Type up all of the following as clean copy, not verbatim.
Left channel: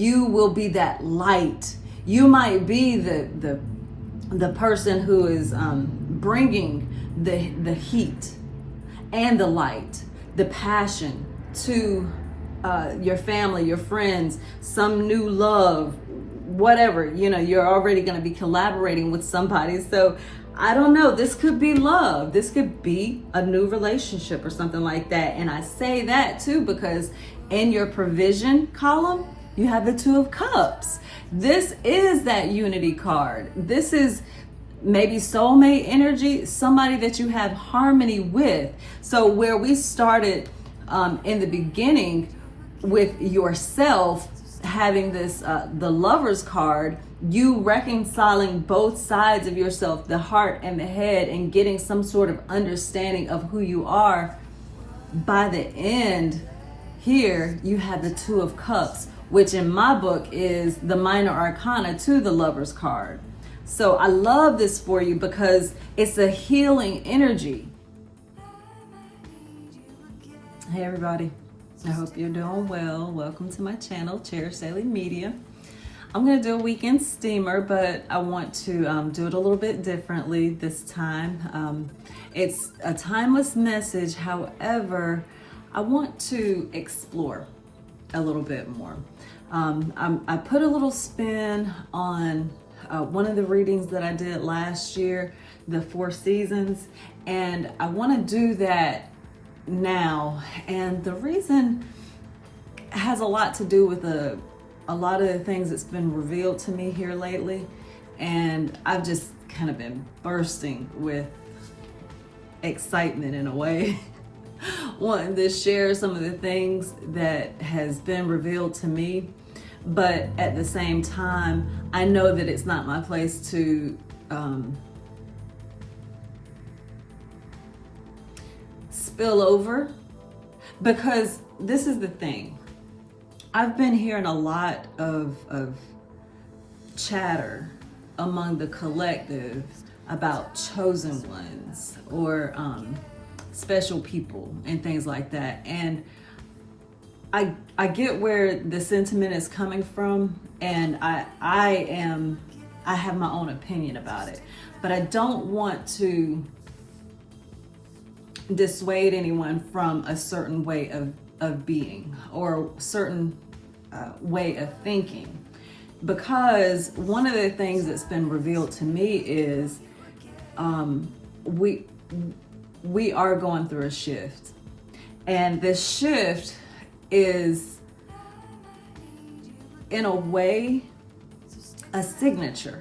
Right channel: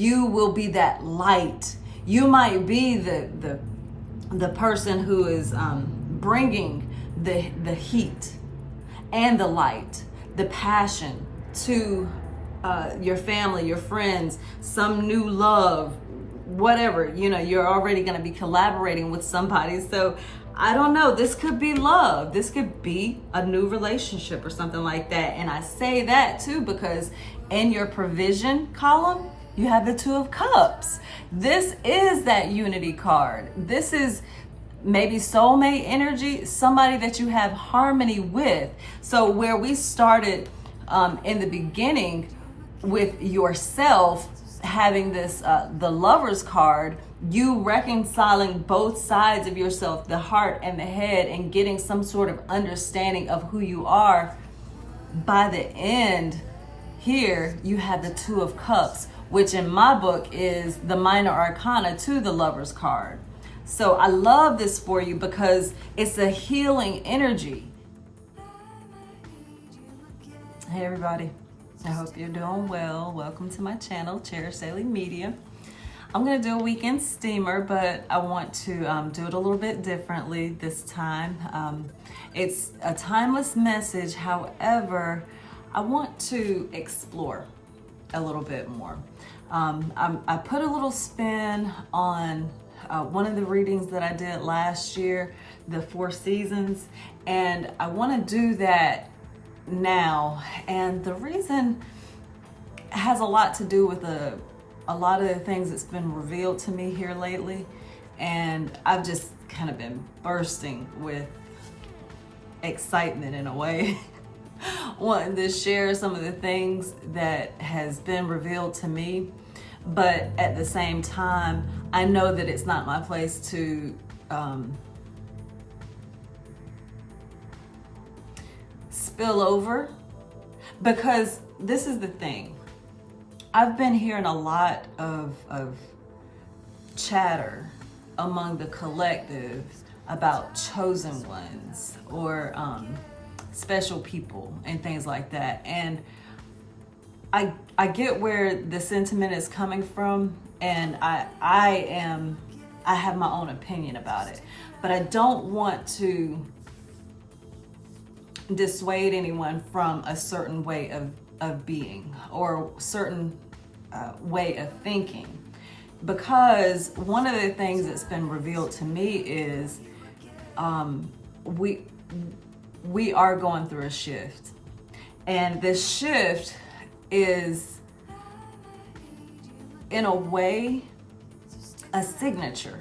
you will be that light. You might be the person who is bringing the heat and the light, the passion to your family, your friends, some new love, whatever. You're already going to be collaborating with somebody. So I don't know, this could be love. This could be a new relationship or something like that. And I say that too because in your provision column, you have the Two of Cups. This is that unity card. This is maybe soulmate energy, somebody that you have harmony with. So where we started in the beginning with yourself having this, the Lover's card, you reconciling both sides of yourself, the heart and the head, and getting some sort of understanding of who you are. By the end here, you have the Two of Cups, which in my book is the minor arcana to the Lover's card. So I love this for you because it's a healing energy. Hey everybody, I hope you're doing well. Welcome to my channel, Cherish Daily Media. I'm going to do a weekend steamer, but I want to do it a little bit differently this time. It's a timeless message. However, I want to explore a little bit more. I put a little spin on one of the readings that I did last year, the 4 seasons, and I want to do that now. And the reason has a lot to do with a lot of the things that's been revealed to me here lately, and I've just kind of been bursting with excitement in a way, wanting to share some of the things that has been revealed to me. But at the same time, I know that it's not my place to spill over, because this is the thing. I've been hearing a lot of chatter among the collective about chosen ones or special people and things like that. And I get where the sentiment is coming from, and I have my own opinion about it, but I don't want to dissuade anyone from a certain way of being or certain way of thinking, because one of the things that's been revealed to me is we are going through a shift, and this shift is in a way a signature,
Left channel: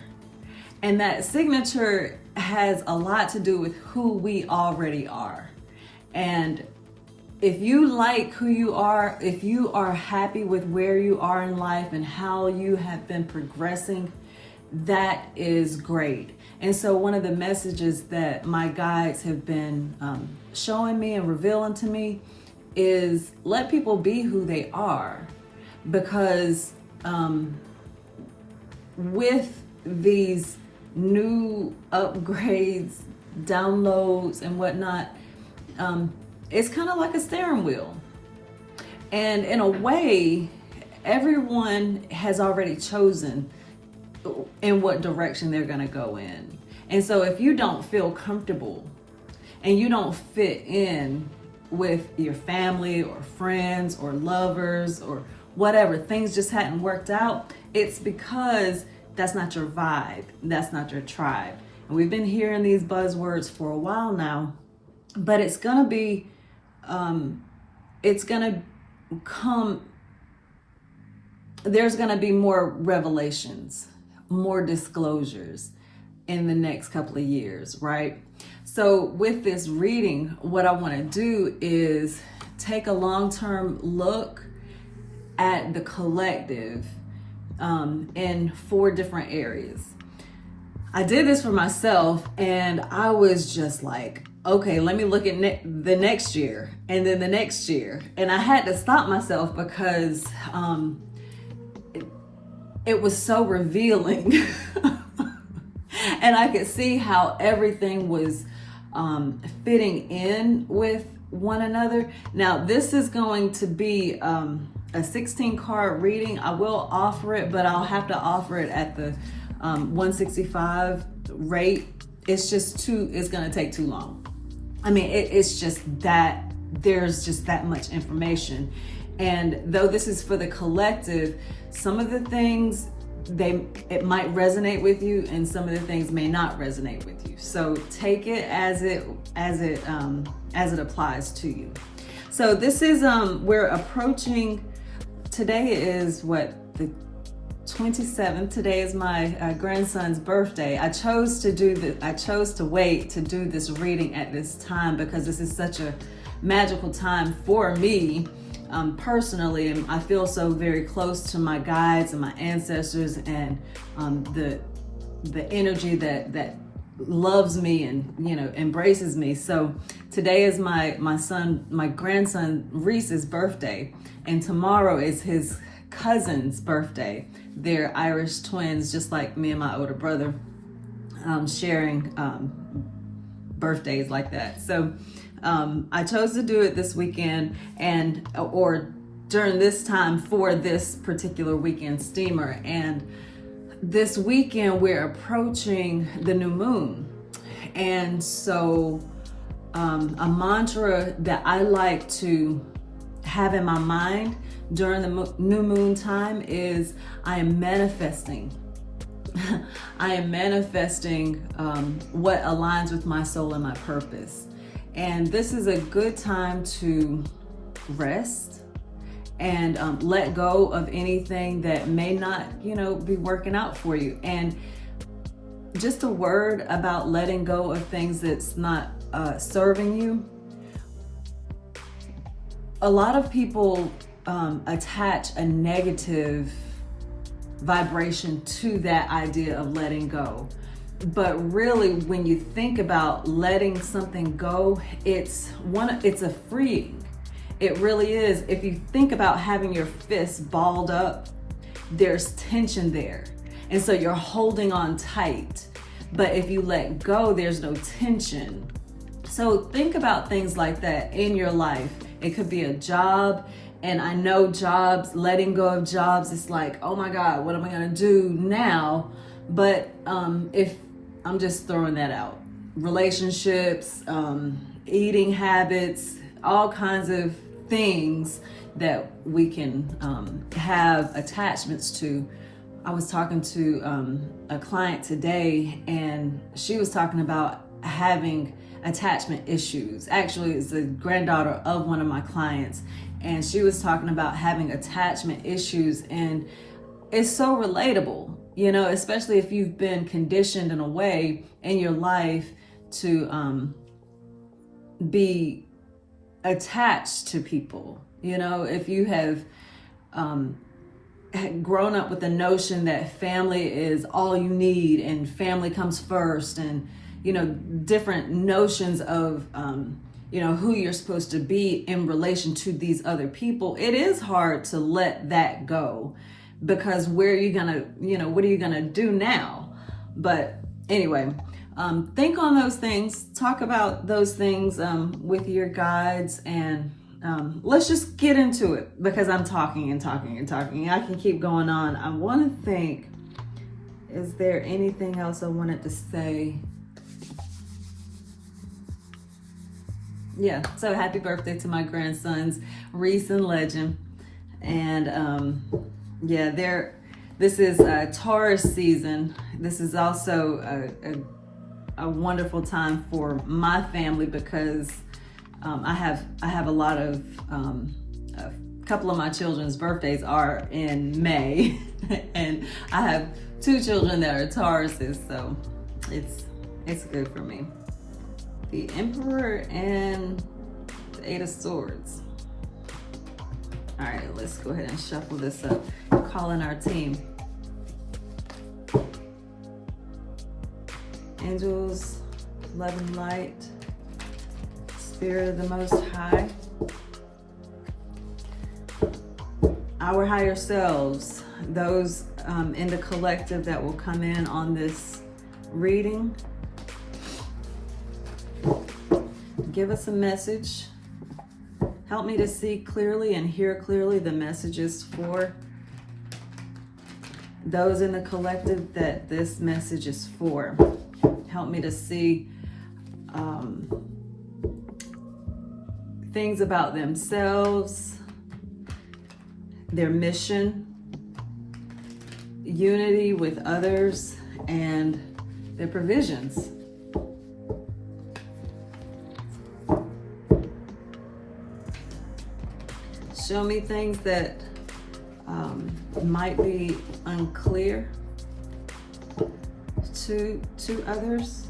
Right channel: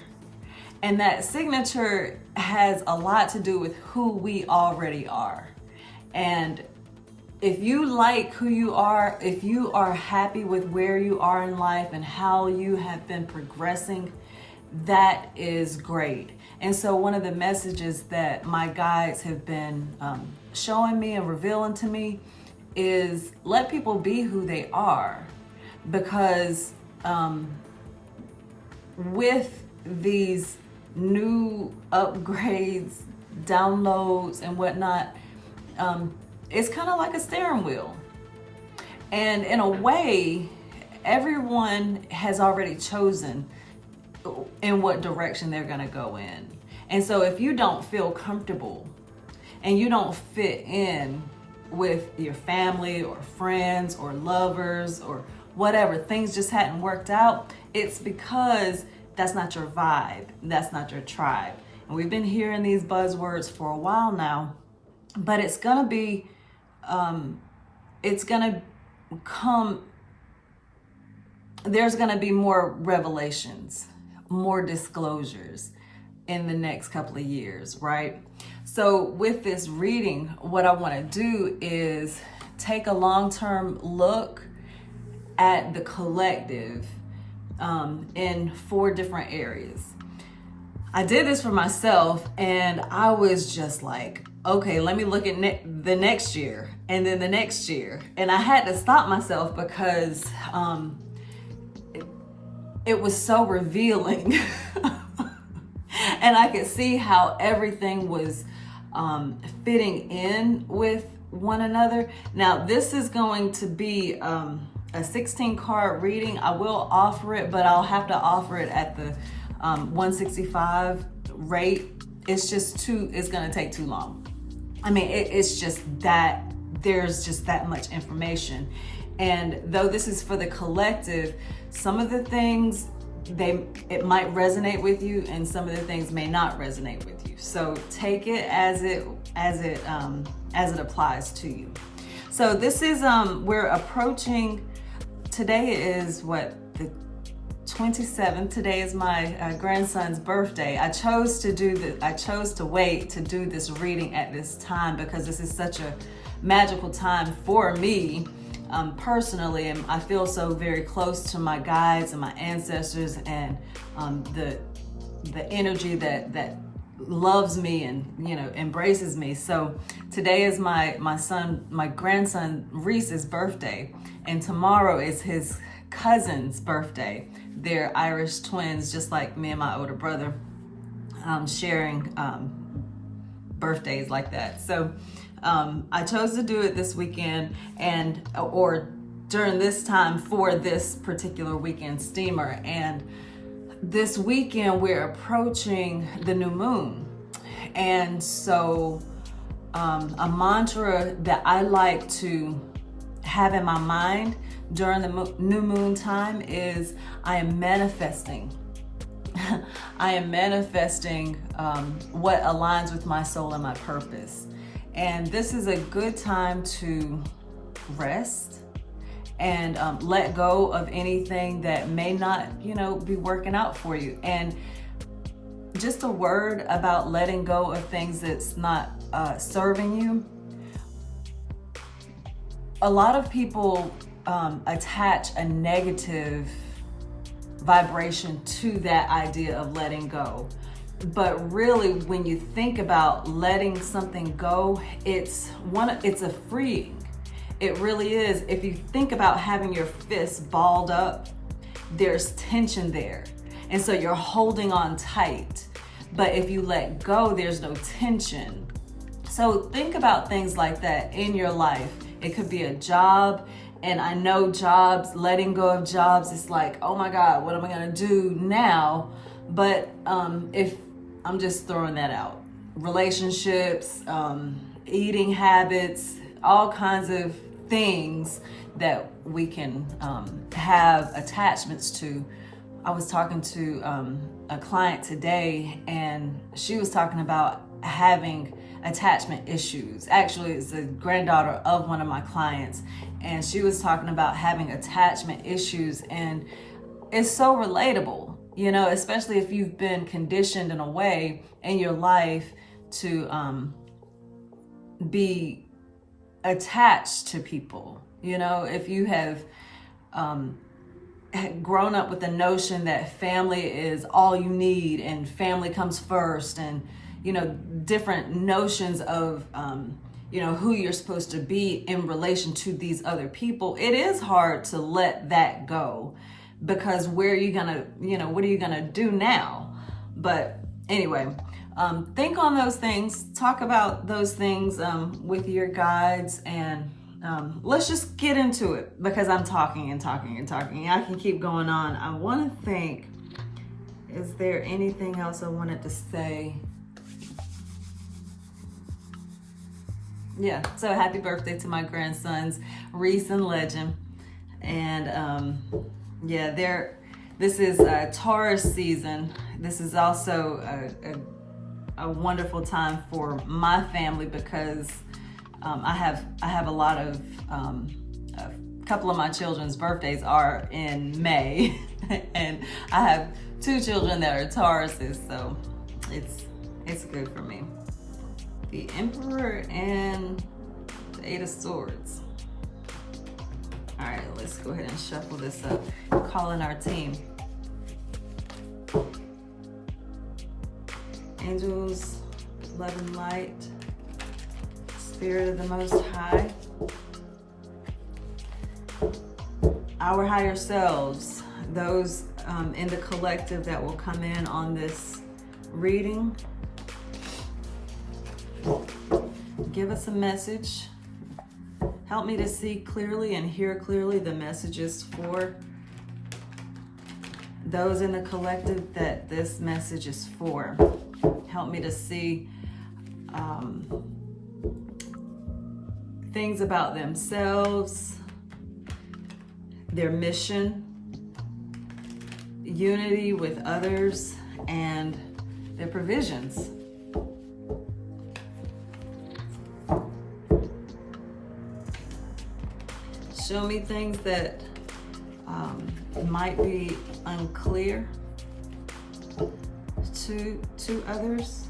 and that signature has a lot to do with who we already are. And if you like who you are, if you are happy with where you are in life and how you have been progressing, that is great. And so one of the messages that my guides have been showing me and revealing to me is let people be who they are, because with these new upgrades, downloads and whatnot, it's kind of like a steering wheel. And in a way, everyone has already chosen in what direction they're going to go in. And so if you don't feel comfortable and you don't fit in with your family or friends or lovers or whatever, things just hadn't worked out, it's because that's not your vibe. That's not your tribe. And we've been hearing these buzzwords for a while now, but it's going to be there's going to be more revelations, more disclosures in the next couple of years, right? So with this reading, what I want to do is take a long-term look at the collective in 4 different areas. I did this for myself, and I was just like, okay, let me look at the next year and then the next year. And I had to stop myself because it was so revealing. And I could see how everything was fitting in with one another. Now, this is going to be a 16 card reading. I will offer it, but I'll have to offer it at the 165 rate. It's going to take too long. I mean, it's just that there's just that much information. And though this is for the collective, some of the things it might resonate with you, and some of the things may not resonate with you. So take it as it applies to you. So this is we're approaching. Today is the 27th. Today is my grandson's birthday. I chose to wait to do this reading at this time because this is such a magical time for me personally, and I feel so very close to my guides and my ancestors, and the energy that loves me and embraces me. So today is my grandson Reese's birthday, and tomorrow is his cousin's birthday. They're Irish twins, just like me and my older brother, sharing birthdays like that. So I chose to do it this weekend or during this time for this particular weekend steamer. And this weekend we're approaching the new moon. And so a mantra that I like to have in my mind during the new moon time is I am manifesting. I am manifesting what aligns with my soul and my purpose. And this is a good time to rest and let go of anything that may not, be working out for you. And just a word about letting go of things that's not serving you. A lot of people attach a negative vibration to that idea of letting go. But really, when you think about letting something go, it's a freeing. It really is. If you think about having your fist balled up, there's tension there. And so you're holding on tight. But if you let go, there's no tension. So think about things like that in your life. It could be a job. And I know jobs, letting go of jobs, it's like, oh my God, what am I gonna do now? But if I'm just throwing that out. Relationships, eating habits, all kinds of things that we can have attachments to. I was talking to a client today, and she was talking about having attachment issues. Actually, it's the granddaughter of one of my clients, and she was talking about having attachment issues, and it's so relatable. Especially if you've been conditioned in a way in your life to be attached to people. If you have grown up with the notion that family is all you need and family comes first, and different notions of who you're supposed to be in relation to these other people, it is hard to let that go. Because where are you gonna, what are you gonna do now? But anyway, think on those things, talk about those things with your guides, and let's just get into it, because I'm talking and talking and talking. I can keep going on. I want to think, is there anything else I wanted to say? Yeah, so happy birthday to my grandsons, Reese and Legend. And this is Taurus season. This is also a wonderful time for my family, because I have a lot of a couple of my children's birthdays are in May, and I have 2 children that are Tauruses, so it's good for me. The Emperor and the 8 of Swords. All right, let's go ahead and shuffle this up. Call in our team. Angels, love and light, Spirit of the Most High, our higher selves, those in the collective that will come in on this reading. Give us a message. Help me to see clearly and hear clearly the messages for those in the collective that this message is for. Help me to see things about themselves, their mission, unity with others, and their provisions. Show me things that might be unclear to others.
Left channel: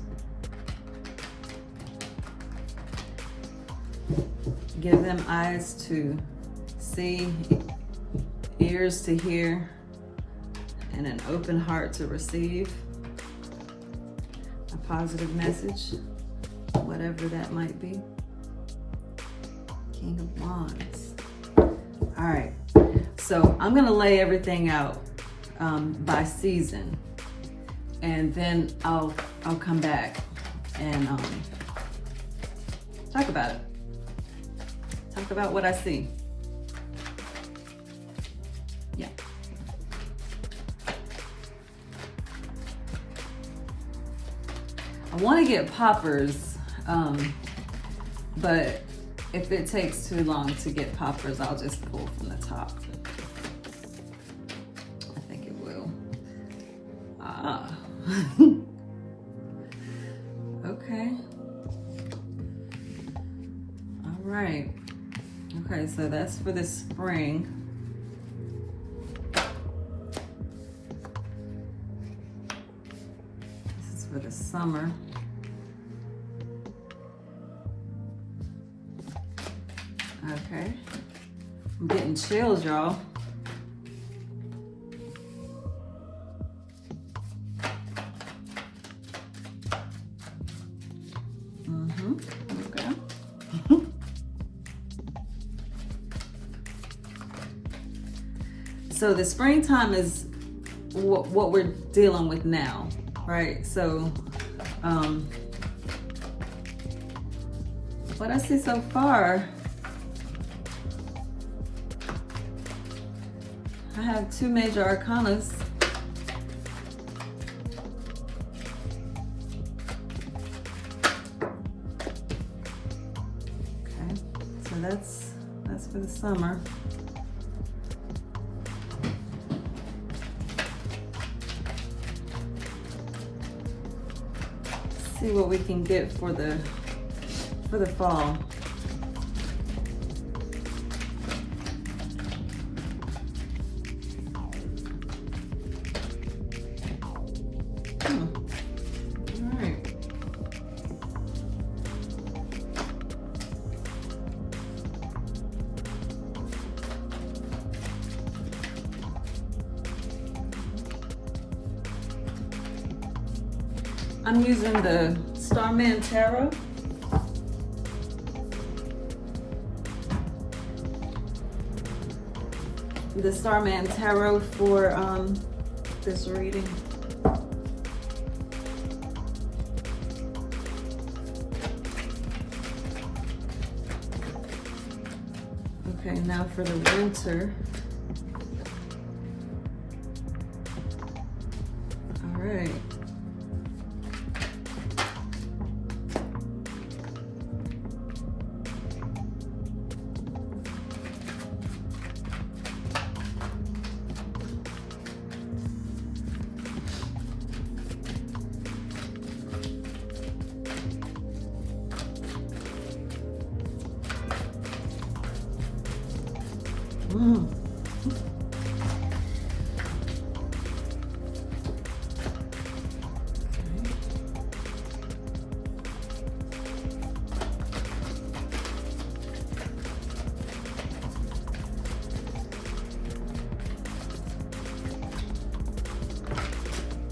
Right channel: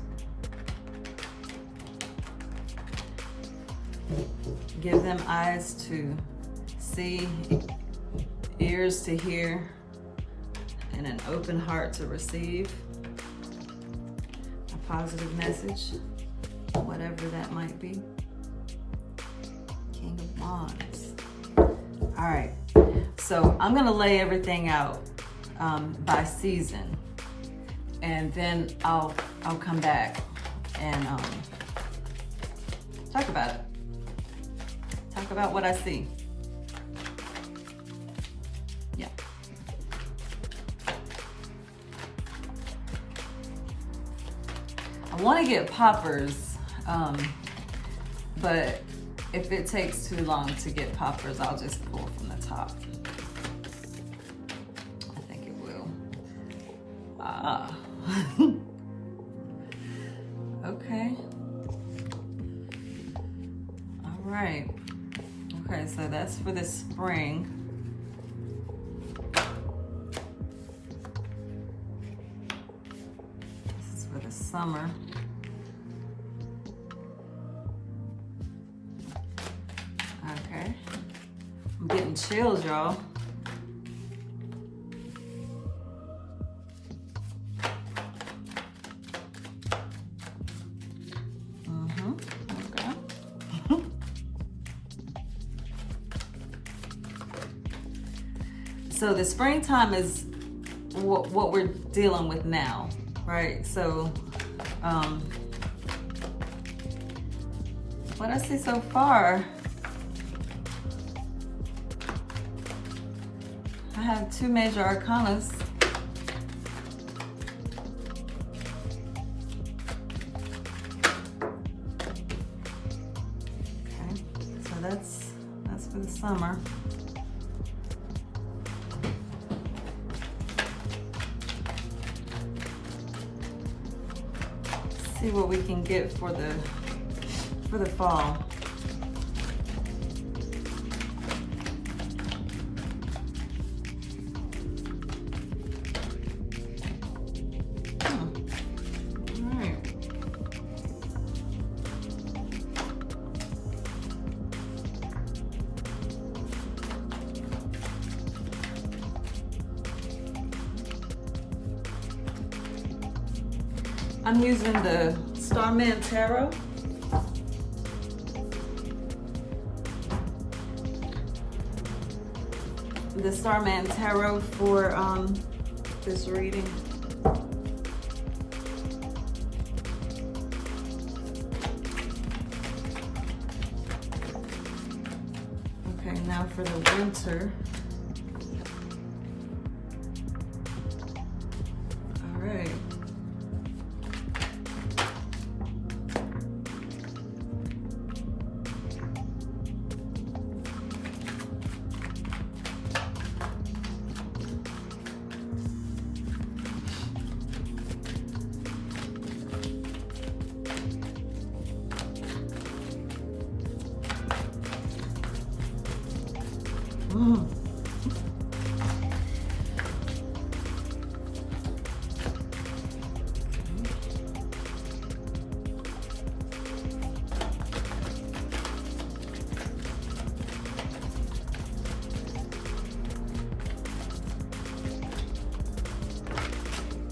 Give them eyes to see, ears to hear, and an open heart to receive a positive message, whatever that might be. King of Wands. All right, so I'm gonna lay everything out by season, and then I'll come back and talk about it. Talk about what I see. Yeah. I want to get poppers, but if it takes too long to get poppers, I'll just pull from the top. I think it will. Okay. All right. Okay, so that's for the spring. This is for the summer. Okay. I'm getting chills, y'all. Okay. So the springtime is what we're dealing with now, right? So what I see so far, I have two major arcanas. Okay, so that's for the summer. See what we can get for the fall. All right. I'm using the Starman Tarot. The Starman Tarot for this reading. Okay, now for the winter. All right.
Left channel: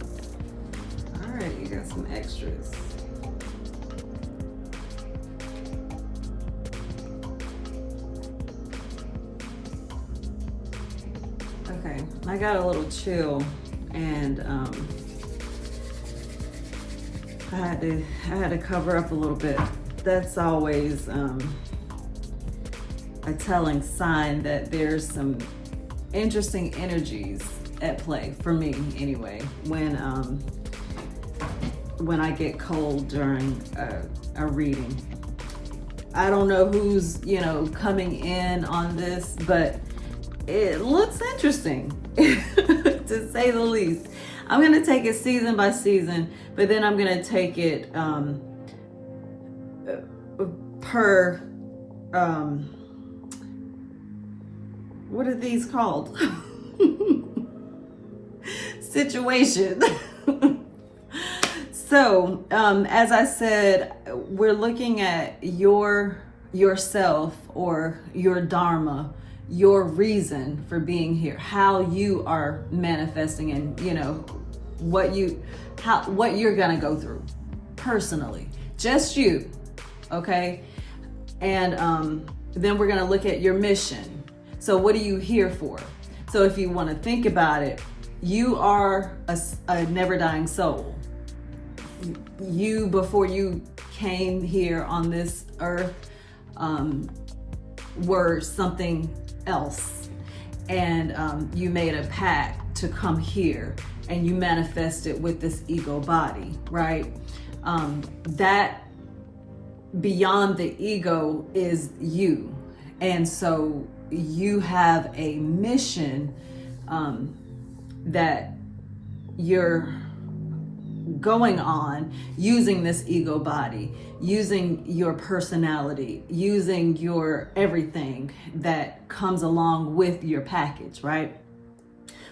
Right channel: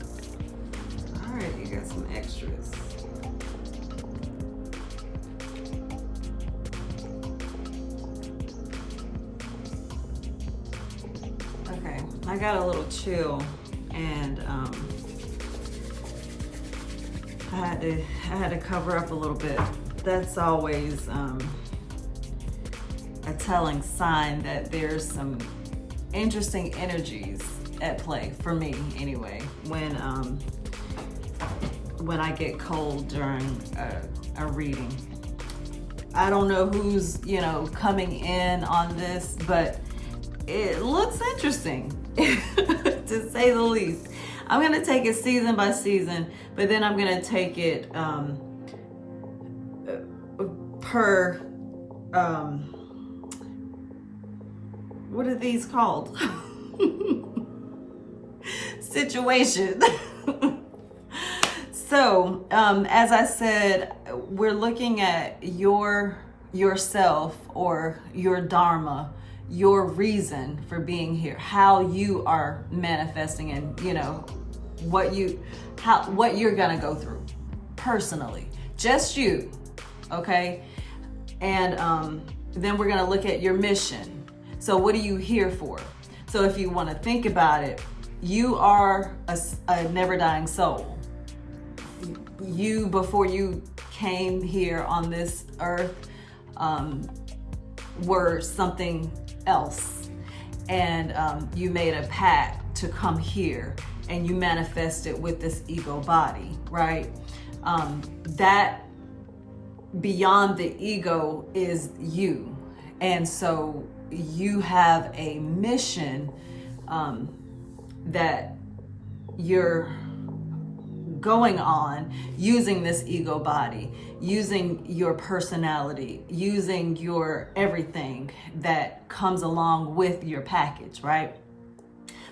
All right, you got some extras. I got a little chill, and I had to cover up a little bit. That's always a telling sign that there's some interesting energies at play for me anyway when I get cold during a reading. I don't know who's, coming in on this, but it looks interesting to say the least. I'm going to take it season by season, but then I'm going to take it per, what are these called? Situation. So, as I said, we're looking at yourself or your dharma, your reason for being here, how you are manifesting, and what you're gonna go through personally, just you, okay? And then we're gonna look at your mission. So, what are you here for? So, if you want to think about it, you are a never-dying soul. You, before you came here on this earth, were something else, and you made a pact to come here, and you manifested with this ego body, right? That beyond the ego is you, and so you have a mission that you're going on using this ego body, using your personality, using your everything that comes along with your package, right?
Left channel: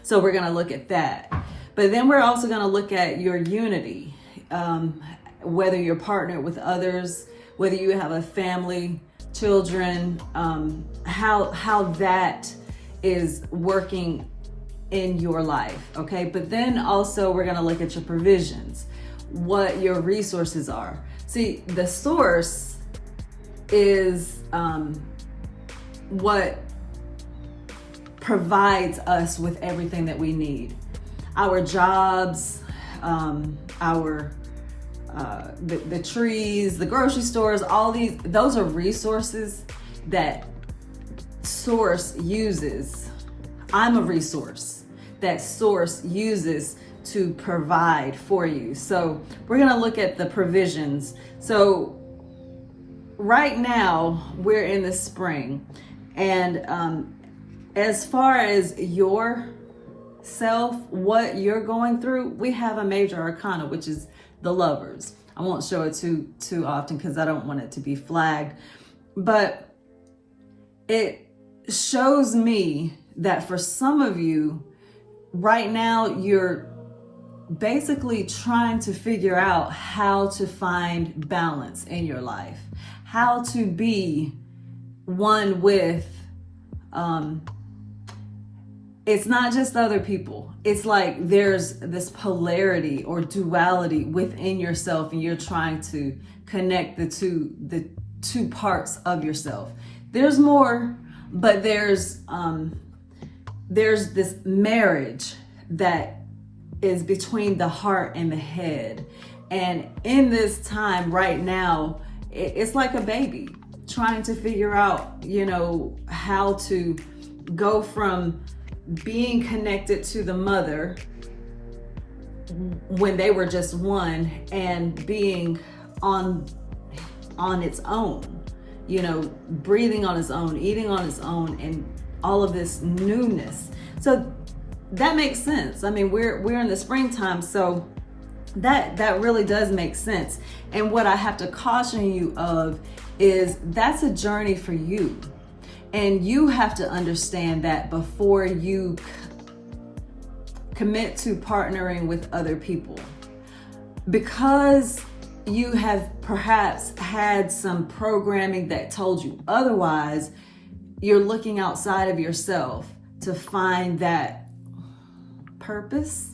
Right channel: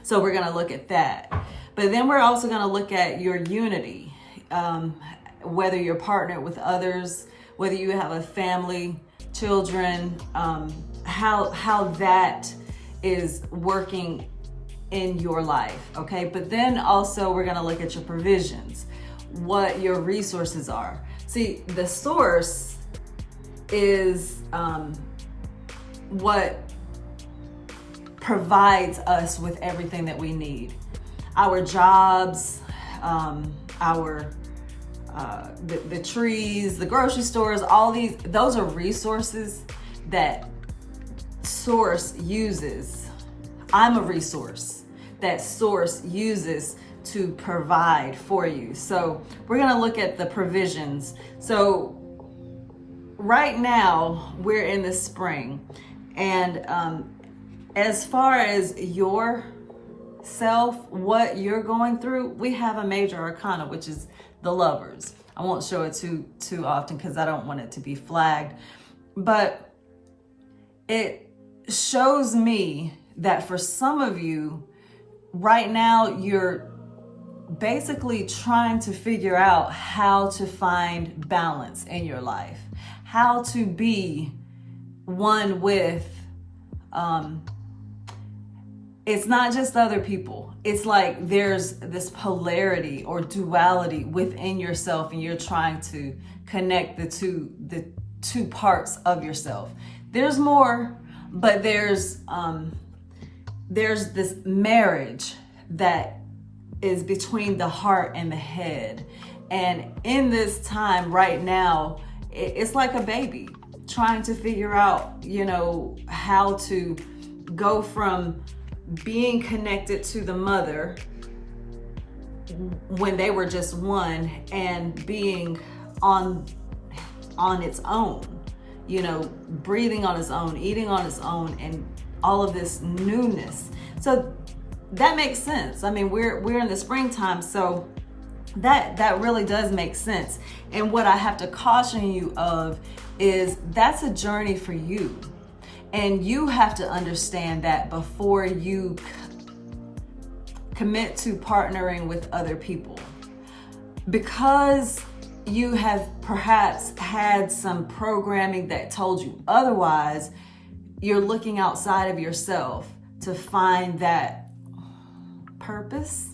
So we're going to look at that. But then we're also going to look at your unity, whether you're partnered with others, whether you have a family, children, how that is working in your life, okay? But then also we're going to look at your provisions, what your resources are. See, the source is what provides us with everything that we need. Our jobs, the trees, the grocery stores, all those are resources that source uses. I'm a resource that source uses to provide for you. So we're going to look at the provisions. So right now we're in the spring, and as far as your self, what you're going through, we have a major arcana, which is the Lovers. I won't show it too often because I don't want it to be flagged, but it shows me that for some of you right now, you're basically trying to figure out how to find balance in your life, how to be one with, it's not just other people. It's like there's this polarity or duality within yourself, and you're trying to connect the two parts of yourself. There's more, but there's this marriage that is between the heart and the head. And in this time right now, it's like a baby trying to figure out, how to go from being connected to the mother when they were just one and being on its own, breathing on its own, eating on its own, and all of this newness. So that makes sense. I mean, we're in the springtime, so that really does make sense. And what I have to caution you of is that's a journey for you. And you have to understand that before you commit to partnering with other people. Because you have perhaps had some programming that told you otherwise, you're looking outside of yourself to find that purpose.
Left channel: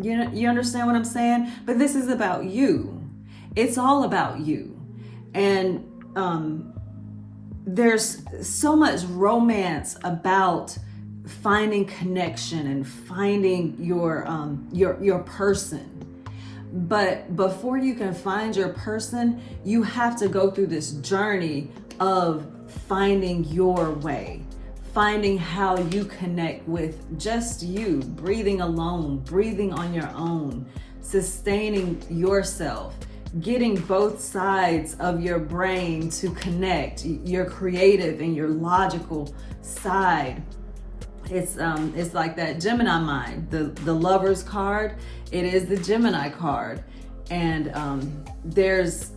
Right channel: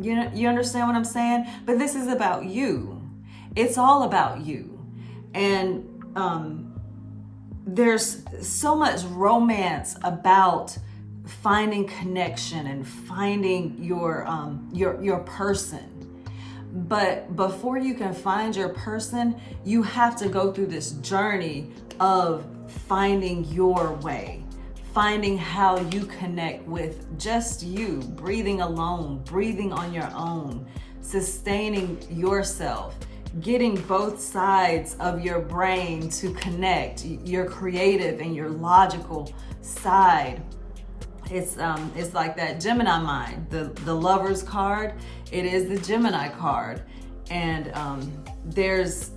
You understand what I'm saying? But this is about you. It's all about you. And there's so much romance about finding connection and finding your person. But before you can find your person, you have to go through this journey of finding your way, finding how you connect with just you, breathing alone, breathing on your own, sustaining yourself, getting both sides of your brain to connect, your creative and your logical side. It's like that Gemini mind, the Lover's card. It is the Gemini card, and there's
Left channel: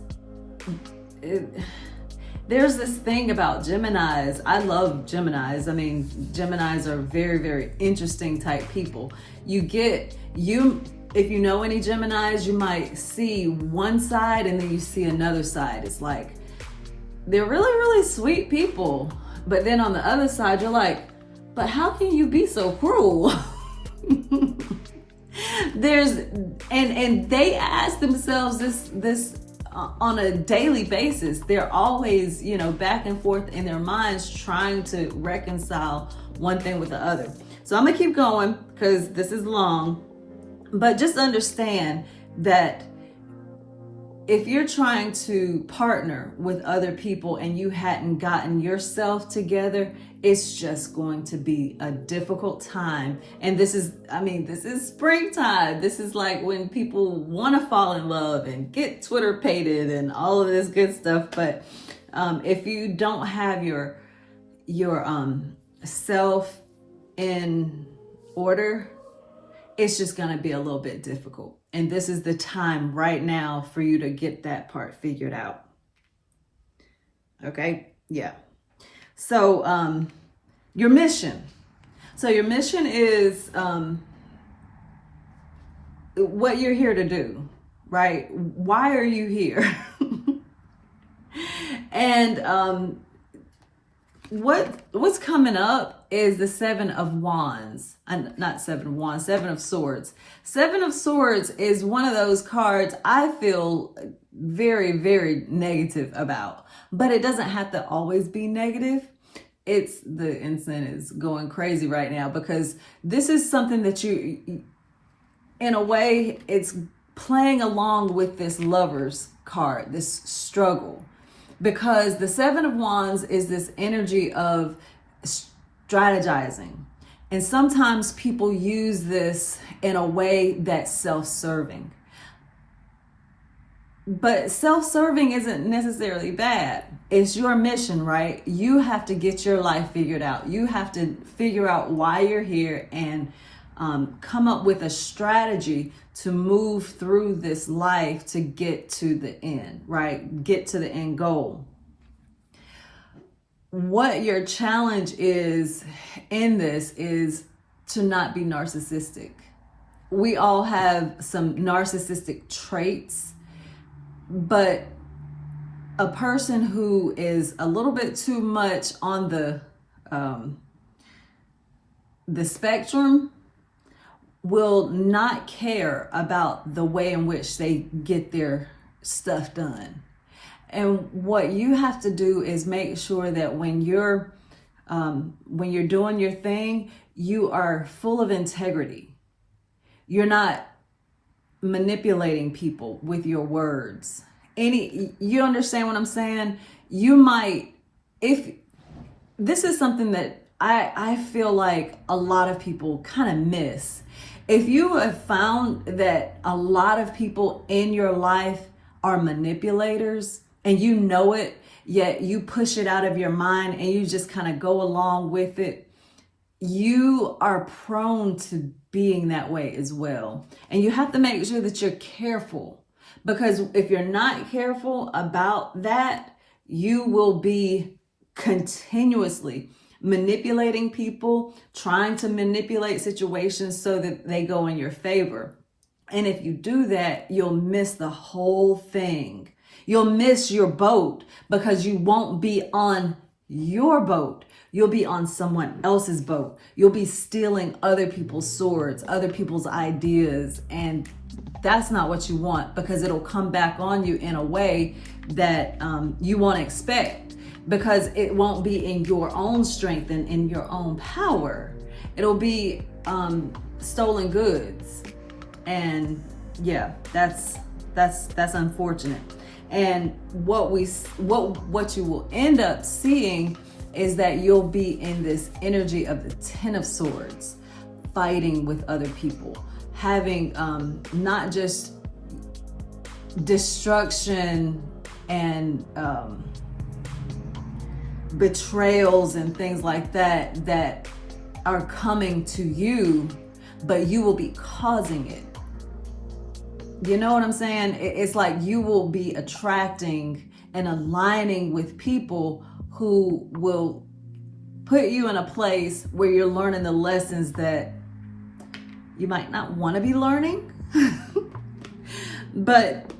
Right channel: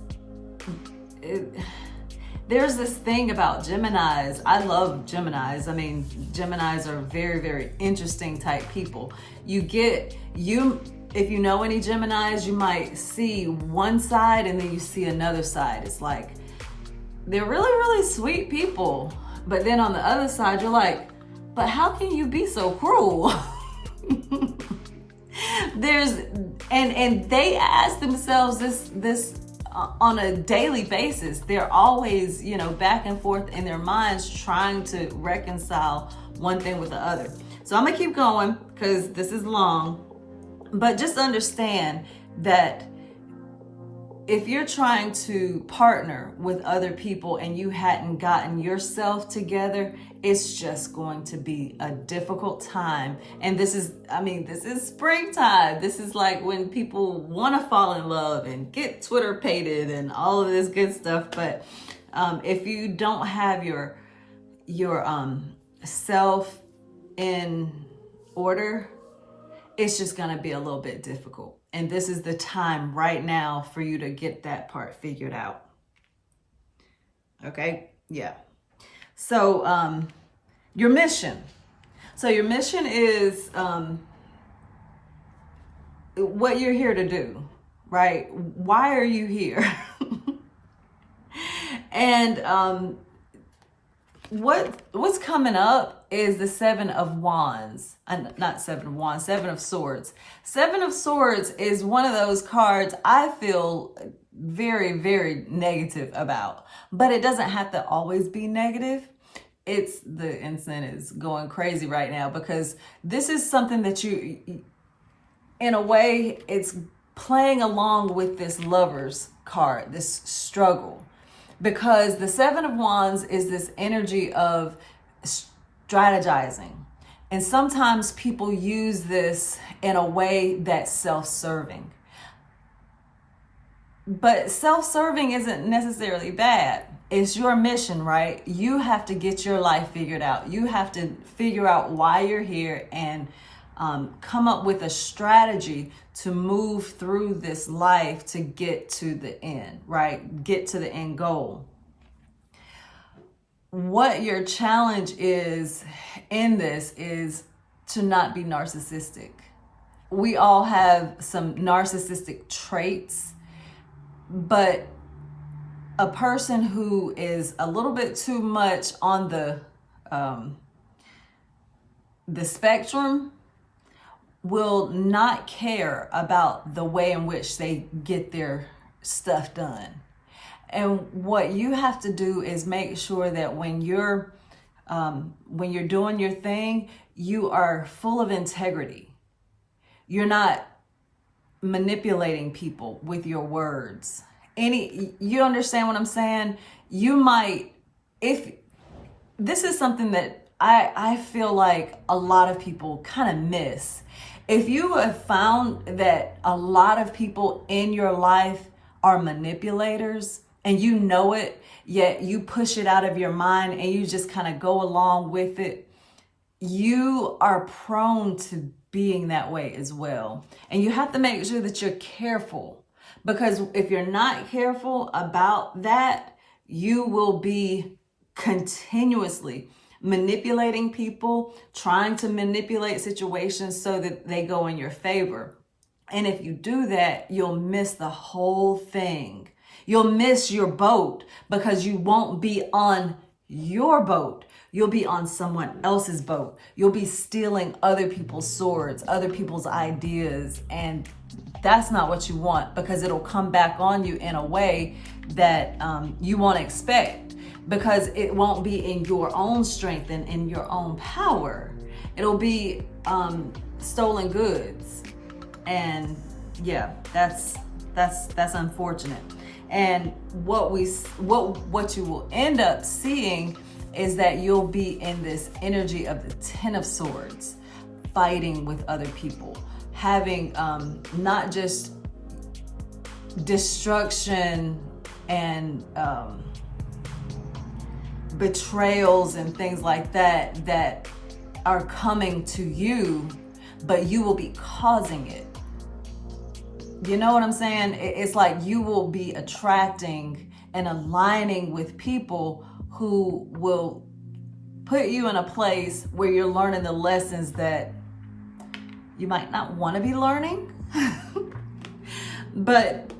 this thing about Geminis. I love Geminis. I mean, Geminis are very, very interesting type people. If you know any Geminis, you might see one side and then you see another side. It's like, they're really, really sweet people. But then on the other side, you're like, but how can you be so cruel? And they ask themselves this on a daily basis. They're always, back and forth in their minds trying to reconcile one thing with the other. So I'm gonna keep going because this is long, but just understand that if you're trying to partner with other people and you hadn't gotten yourself together, it's just going to be a difficult time. And this is springtime. This is like when people want to fall in love and get Twitter pated and all of this good stuff. But if you don't have your self in order, it's just going to be a little bit difficult. And this is the time right now for you to get that part figured out. Okay? Yeah. So, your mission. So your mission is what you're here to do, right? Why are you here? And what's coming up is the Seven of Wands. Not Seven of Wands, Seven of Swords. Seven of Swords is one of those cards I feel very, very negative about. But it doesn't have to always be negative. The incense is going crazy right now because this is something that you, in a way, it's playing along with this Lover's card, this struggle. Because the Seven of Wands is this energy of strategizing. And sometimes people use this in a way that's self-serving. But self-serving isn't necessarily bad. It's your mission, right? You have to get your life figured out. You have to figure out why you're here and come up with a strategy to move through this life to get to the end, right? Get to the end goal. What your challenge is in this is to not be narcissistic. We all have some narcissistic traits, but a person who is a little bit too much on the spectrum will not care about the way in which they get their stuff done. And what you have to do is make sure that when you're doing your thing, you are full of integrity. You're not manipulating people with your words. You understand what I'm saying? You might, if this is something that I feel like a lot of people kind of miss. If you have found that a lot of people in your life are manipulators and you know it, yet you push it out of your mind and you just kind of go along with it, you are prone to being that way as well. And you have to make sure that you're careful, because if you're not careful about that, you will be continuously manipulating people, trying to manipulate situations so that they go in your favor. And if you do that, you'll miss the whole thing. You'll miss your boat because you won't be on your boat. You'll be on someone else's boat. You'll be stealing other people's swords, other people's ideas. And that's not what you want, because it'll come back on you in a way that you won't expect, because it won't be in your own strength and in your own power. It'll be stolen goods. And yeah, that's unfortunate. And what you will end up seeing is that you'll be in this energy of the Ten of Swords, fighting with other people, having not just destruction and betrayals and things like that that are coming to you, but you will be causing it. You know what I'm saying? It's like you will be attracting and aligning with people who will put you in a place where you're learning the lessons that you might not want to be learning. But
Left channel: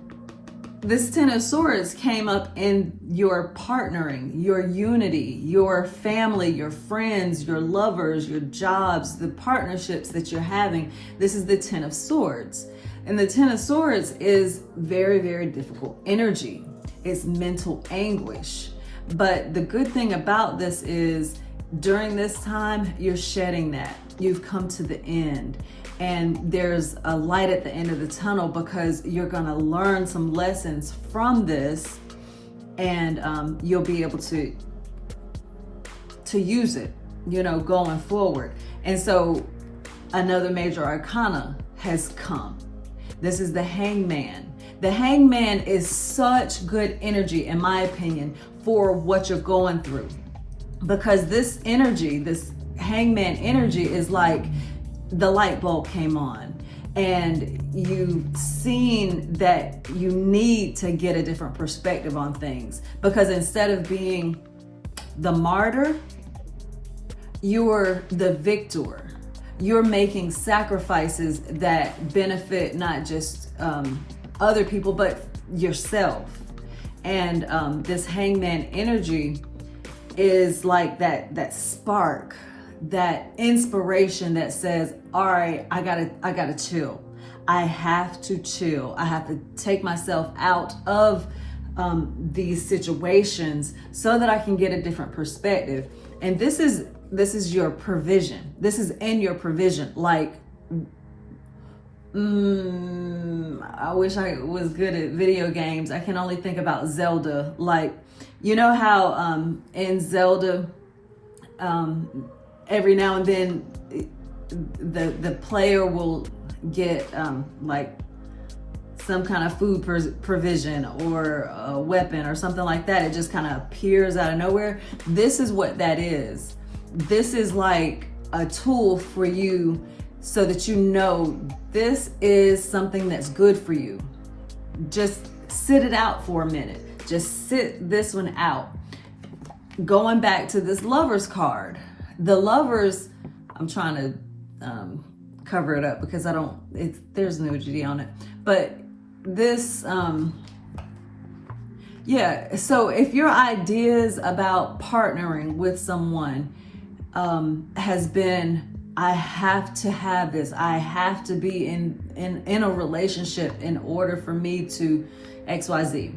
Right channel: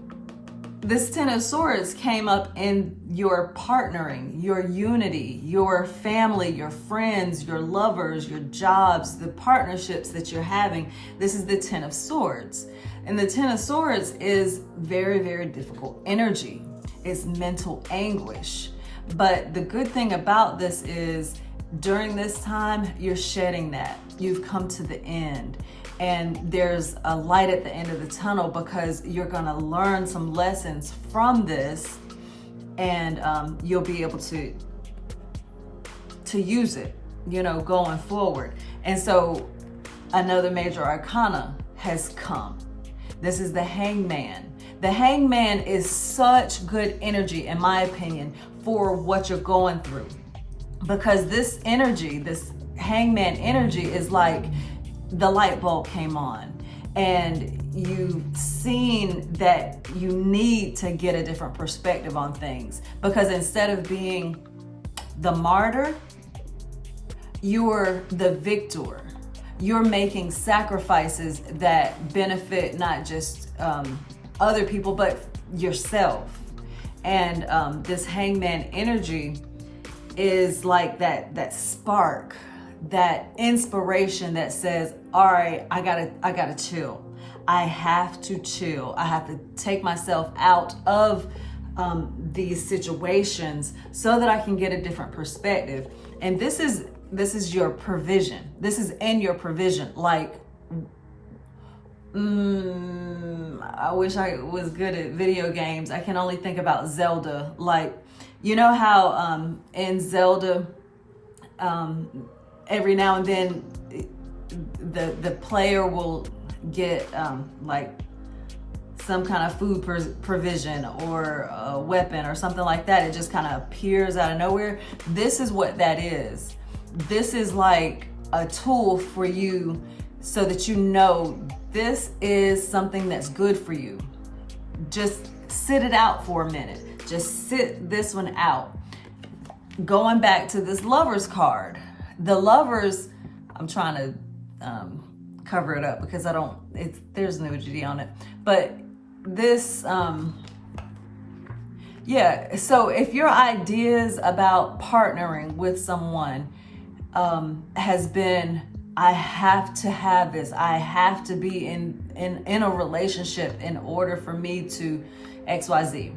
this Ten of Swords came up in your partnering, your unity, your family, your friends, your lovers, your jobs, the partnerships that you're having. This is the Ten of Swords. And the Ten of Swords is very, very difficult energy. It's mental anguish. But the good thing about this is during this time, you're shedding that. You've come to the end. And there's a light at the end of the tunnel because you're going to learn some lessons from this, and you'll be able to use it, going forward. And so another major arcana has come. This is the Hangman. The Hangman is such good energy, in my opinion, for what you're going through. Because this energy, this Hangman energy, is like the light bulb came on and you've seen that you need to get a different perspective on things. Because instead of being the martyr, you're the victor. You're making sacrifices that benefit not just other people, but yourself. And this Hangman energy is like that spark, that inspiration that says, all right, I gotta chill. I have to chill. I have to take myself out of these situations so that I can get a different perspective. And this is your provision. This is in your provision. Like, I wish I was good at video games. I can only think about Zelda. Like, you know how in Zelda, every now and then the player will get like some kind of food provision or a weapon or something like that. It just kind of appears out of nowhere. This is what that is. This is like a tool for you so that you know this is something that's good for you. Just sit it out for a minute. Just sit this one out. Going back to this Lovers card. The Lovers, I'm trying to cover it up because there's nudity on it. But this, so if your ideas about partnering with someone has been, I have to have this, I have to be in a relationship in order for me to XYZ.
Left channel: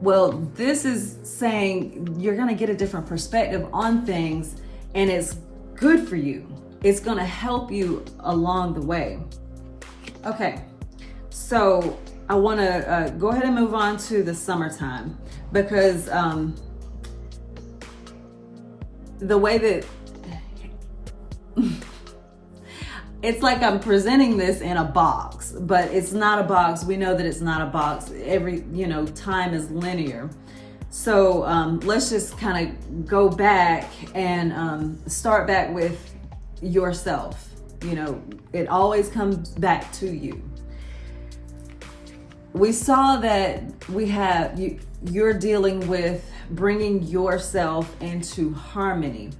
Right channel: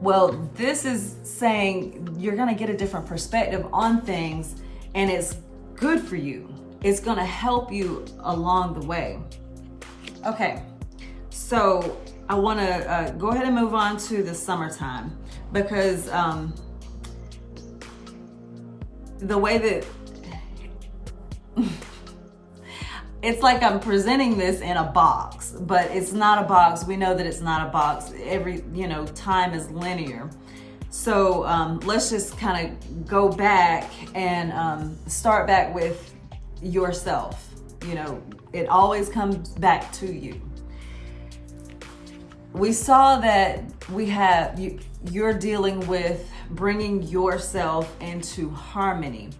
Well, this is saying you're going to get a different perspective on things, and it's good for you. It's going to help you along the way. Okay, so I want to go ahead and move on to the summertime, because the way that it's like I'm presenting this in a box, but it's not a box. We know that it's not a box. Every, time is linear. So let's just kind of go back and start back with yourself. It always comes back to you. We saw that you're dealing with bringing yourself into harmony.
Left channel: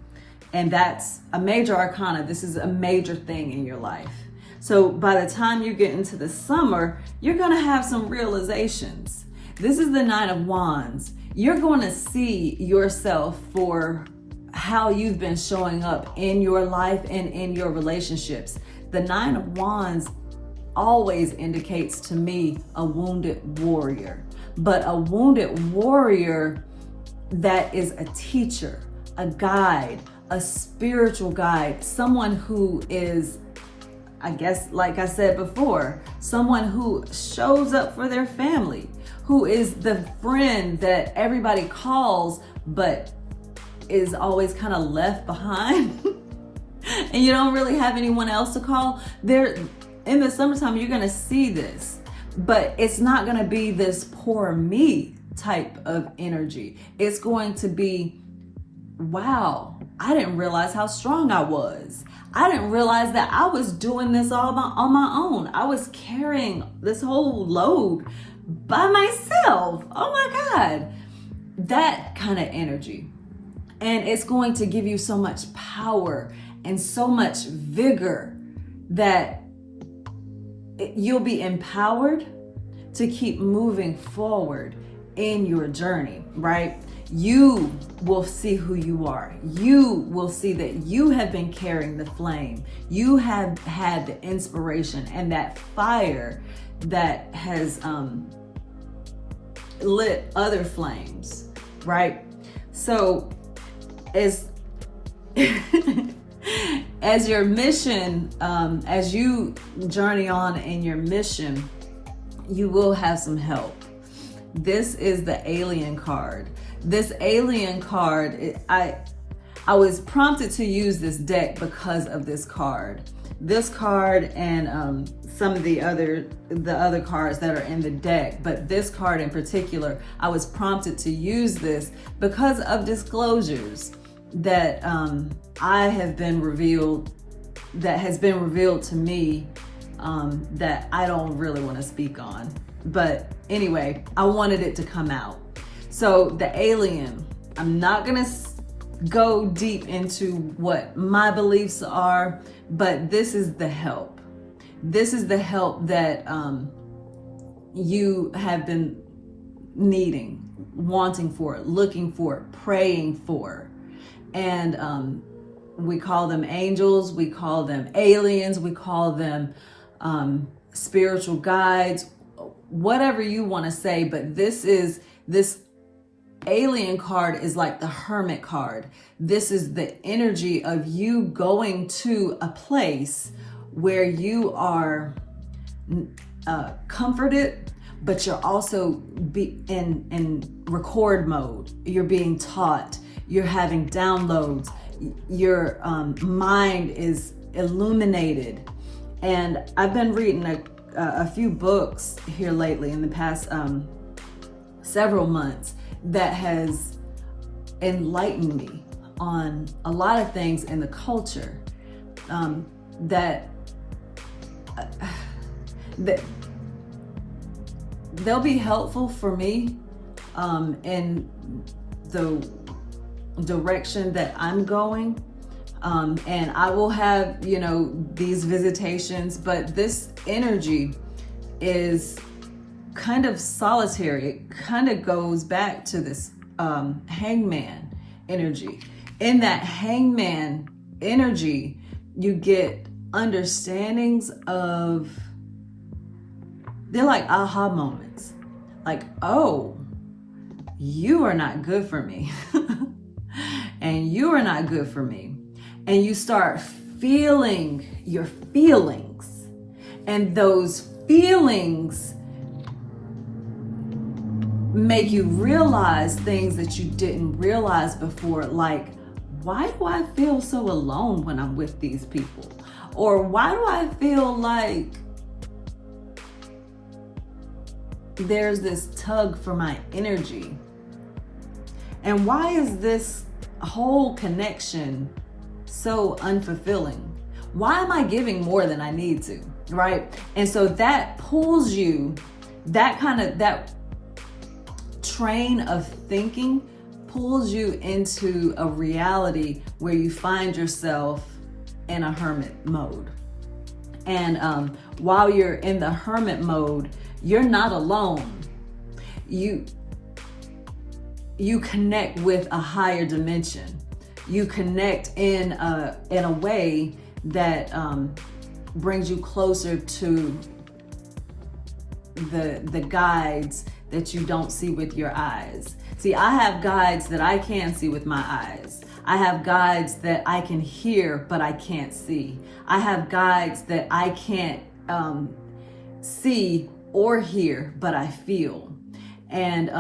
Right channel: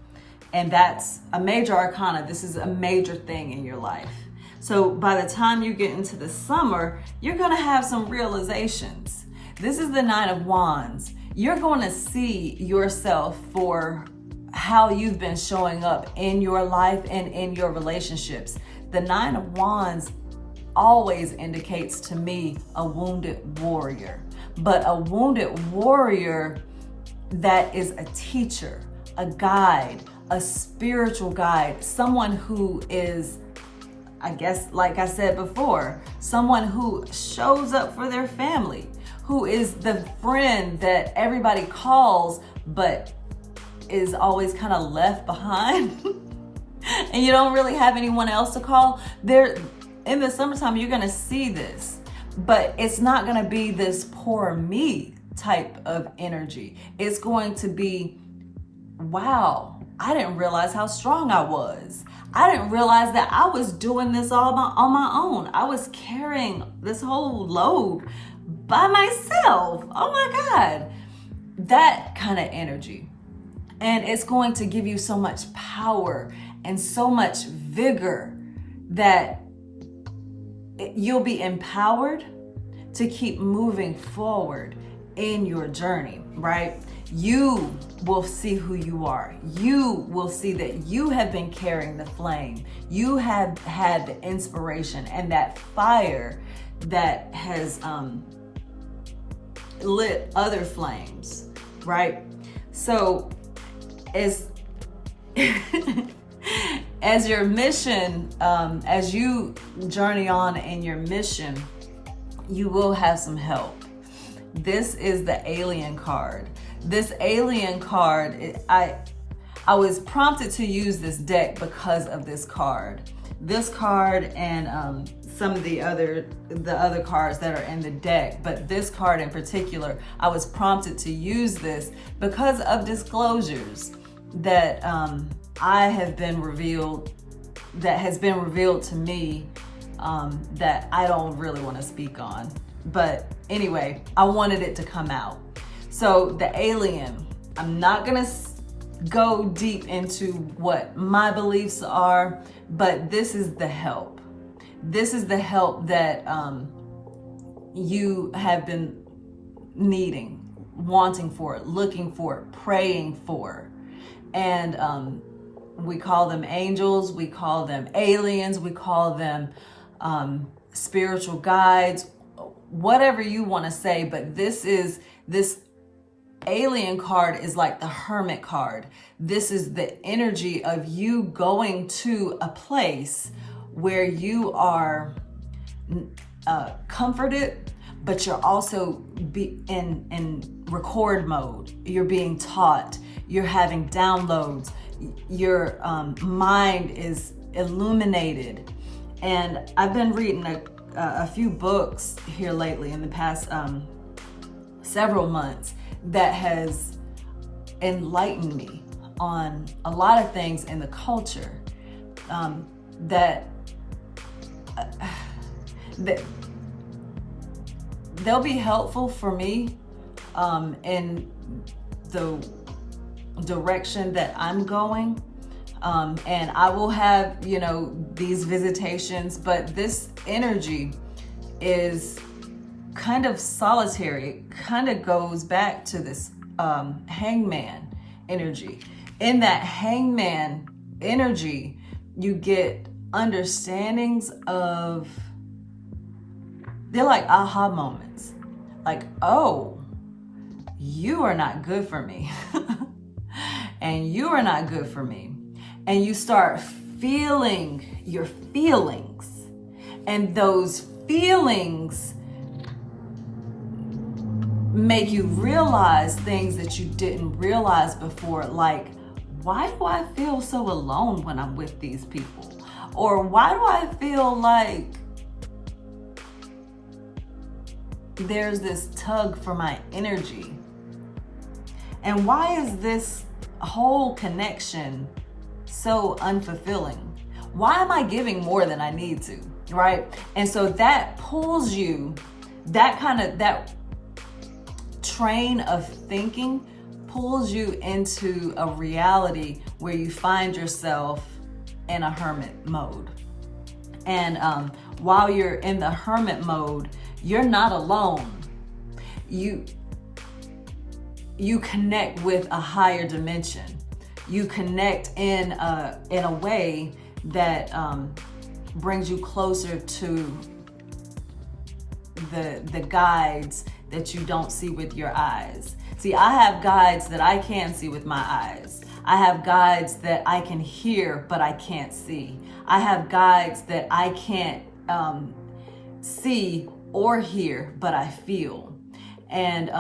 And that's a major arcana. This is a major thing in your life. So by the time you get into the summer, you're going to have some realizations. This is the Nine of Wands. You're going to see yourself for how you've been showing up in your life and in your relationships. The Nine of Wands always indicates to me a wounded warrior, but a wounded warrior that is a teacher, a guide, a spiritual guide, someone who is, I guess, like I said before, someone who shows up for their family, who is the friend that everybody calls, but is always kind of left behind. And you don't really have anyone else to call. There, in the summertime, you're going to see this, but it's not going to be this poor me type of energy. It's going to be, wow, I didn't realize how strong I was. I didn't realize that I was doing this all on my own. I was carrying this whole load by myself. Oh my God. That kind of energy. And it's going to give you so much power and so much vigor that you'll be empowered to keep moving forward in your journey, right? You will see who you are. You will see that you have been carrying the flame. You have had the inspiration and that fire that has lit other flames, right? So as as your mission, as you journey on in your mission, you will have some help. This is the alien card. This alien card, I was prompted to use this deck because of this card. This card and some of the other cards that are in the deck, but this card in particular, I was prompted to use this because of disclosures that has been revealed to me that I don't really want to speak on. But anyway, I wanted it to come out. So the alien, I'm not gonna go deep into what my beliefs are, but this is the help. This is the help that you have been needing, wanting for, looking for, praying for. And we call them angels, we call them aliens, we call them spiritual guides, whatever you want to say. But this alien card is like the hermit card. This is the energy of you going to a place where you are comforted, but you're also in record mode. You're being taught, you're having downloads, your mind is illuminated. And I've been reading a few books here lately in the past several months that has enlightened me on a lot of things in the culture that they'll be helpful for me in the direction that I'm going. And I will have, these visitations, but this energy is kind of solitary. It kind of goes back to this hangman energy. In that hangman energy, you get understandings of, they're like aha moments. Like, oh, you are not good for me. And you are not good for me. And you start feeling your feelings. And those feelings make you realize things that you didn't realize before. Like, why do I feel so alone when I'm with these people? Or why do I feel like there's this tug for my energy? And why is this whole connection so unfulfilling? Why am I giving more than I need to, right? And so that pulls you, that train of thinking pulls you into a reality where you find yourself in a hermit mode. And while you're in the hermit mode, you're not alone. You connect with a higher dimension. You connect in a way that brings you closer to the guides that you don't see with your eyes. See, I have guides that I can see with my eyes. I have guides that I can hear, but I can't see. I have guides that I can't see or hear, but I feel. and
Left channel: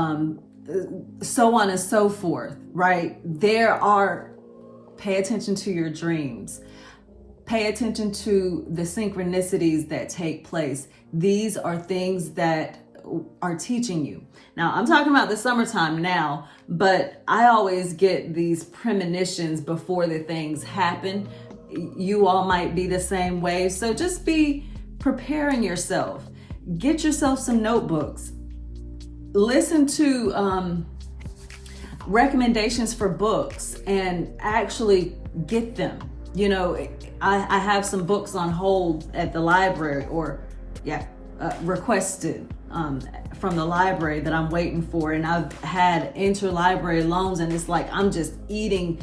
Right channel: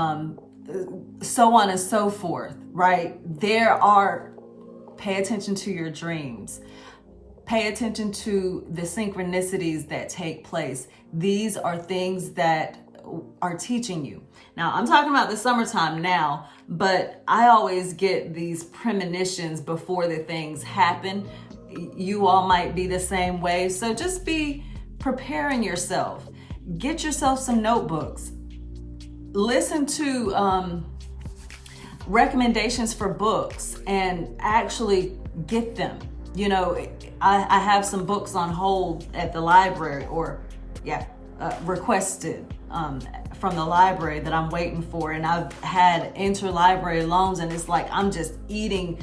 so on and so forth, right? Pay attention to your dreams. Pay attention to the synchronicities that take place. These are things that are teaching you. Now, I'm talking about the summertime now, but I always get these premonitions before the things happen. You all might be the same way. So just be preparing yourself. Get yourself some notebooks. Listen to recommendations for books and actually get them. You know, I have some books on hold at the library, or requested from the library that I'm waiting for. And I've had interlibrary loans, and it's like I'm just eating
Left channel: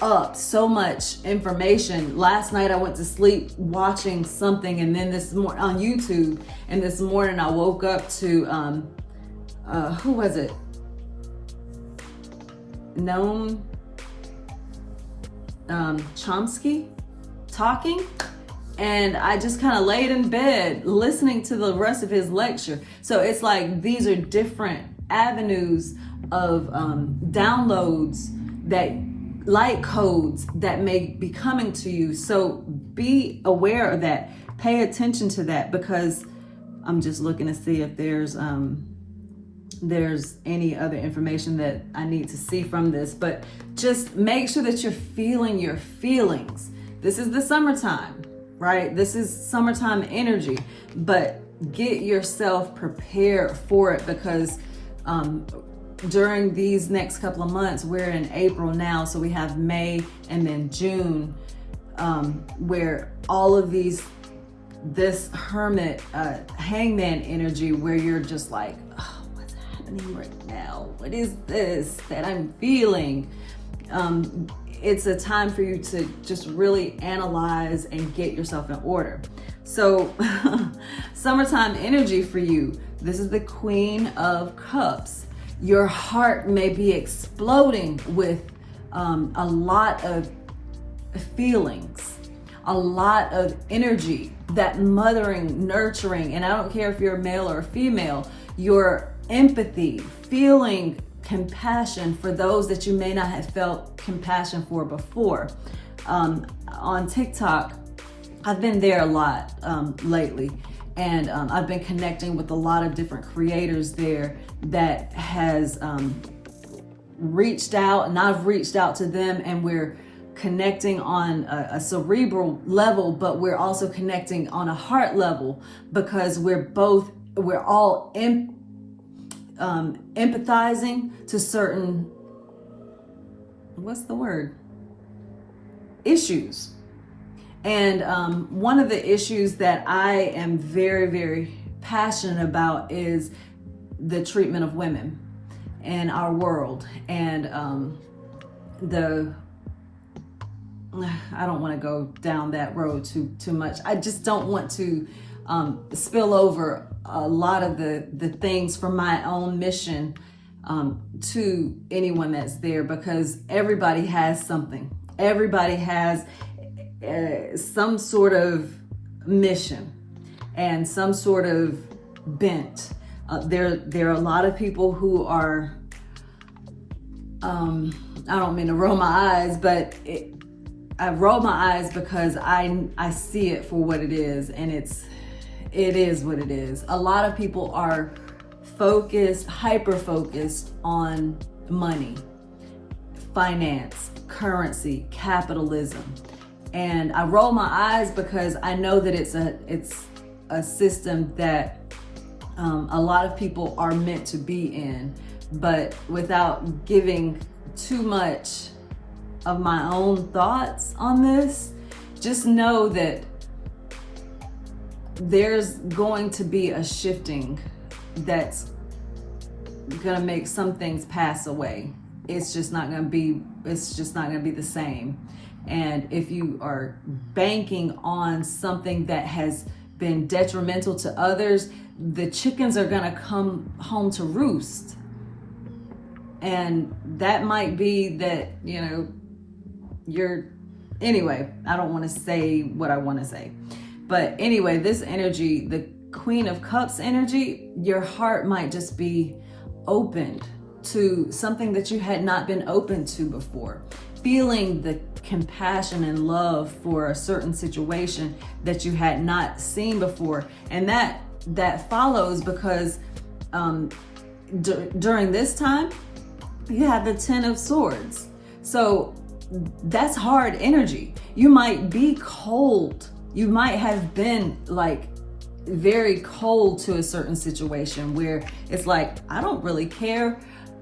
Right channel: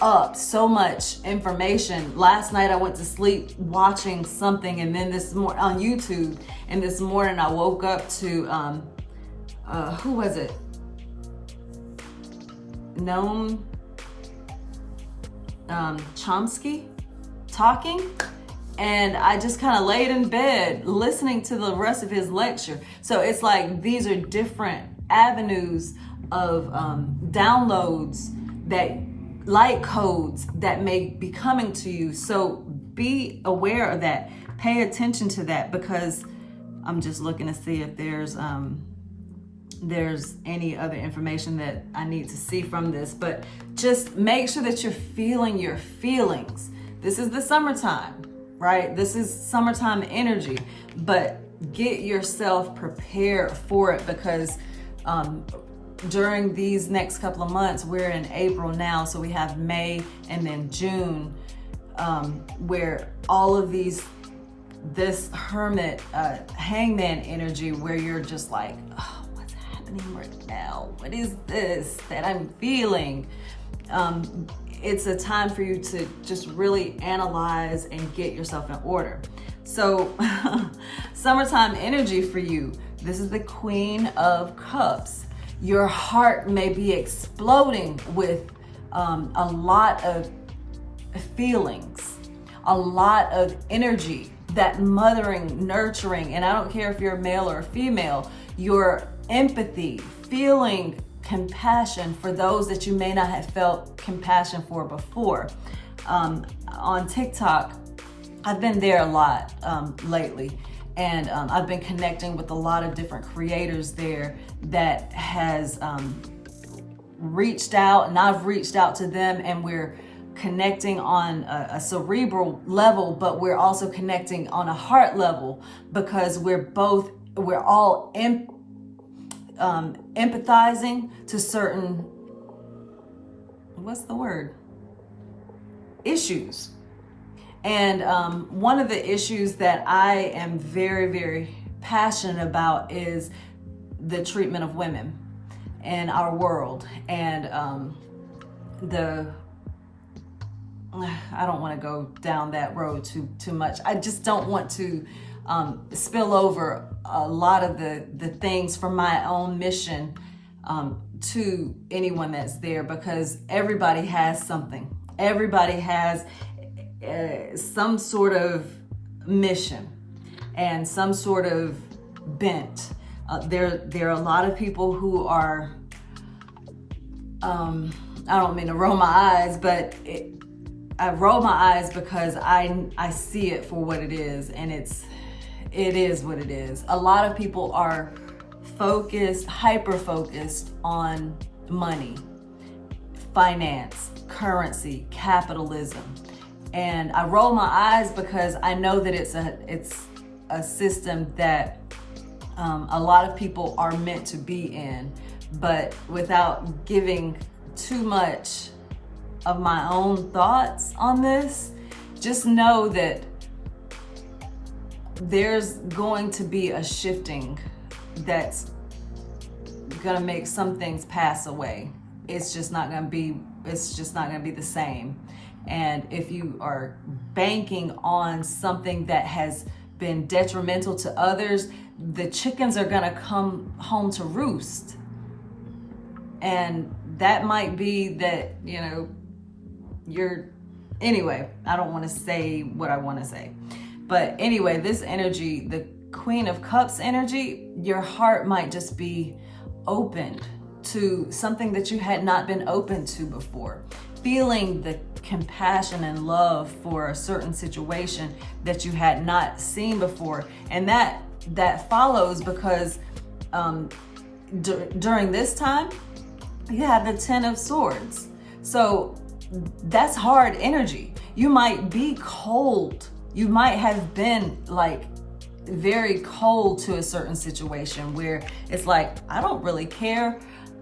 up so much information. Last night I went to sleep watching something, and then this morning on YouTube, and this morning I woke up to who was it? Noam Chomsky talking, and I just kind of laid in bed listening to the rest of his lecture. So it's like these are different avenues of downloads, that light codes that may be coming to you. So be aware of that. Pay attention to that, because I'm just looking to see if there's any other information that I need to see from this. But just make sure that you're feeling your feelings. This is the summertime, right? This is summertime energy, but get yourself prepared for it, because during these next couple of months, we're in April now, so we have May and then June, where all of this hermit, hangman energy, where you're just like, oh, what's happening right now? What is this that I'm feeling? It's a time for you to just really analyze and get yourself in order. So summertime energy for you, this is the Queen of Cups. Your heart may be exploding with a lot of feelings, a lot of energy, that mothering, nurturing, and I don't care if you're a male or a female, your empathy, feeling compassion for those that you may not have felt compassion for before. On TikTok, I've been there a lot lately, and I've been connecting with a lot of different creators there that has reached out, and I've reached out to them, and we're connecting on a cerebral level, but we're also connecting on a heart level, because we're all empathizing to certain, issues. And one of the issues that I am very, very passionate about is the treatment of women in our world. And I don't want to go down that road too much. I just don't want to spill over a lot of the things from my own mission to anyone that's there, because everybody has something. Everybody has some sort of mission and some sort of bent. There are a lot of people who are, I don't mean to roll my eyes, but I roll my eyes because I see it for what it is, and it is what it is. A lot of people are hyper-focused on money, finance, currency, capitalism. And I roll my eyes because I know that it's a system that a lot of people are meant to be in, but without giving too much of my own thoughts on this, just know that there's going to be a shifting that's gonna make some things pass away. It's just not gonna be the same. And if you are banking on something that has been detrimental to others, the chickens are gonna come home to roost. And that might be that, anyway, I don't want to say what I want to say. But anyway, this energy, the Queen of Cups energy, your heart might just be opened to something that you had not been open to before, feeling the compassion and love for a certain situation that you had not seen before. And that follows because during this time, you have the Ten of Swords. So that's hard energy. You might be cold. You might have been like very cold to a certain situation where it's like, I don't really care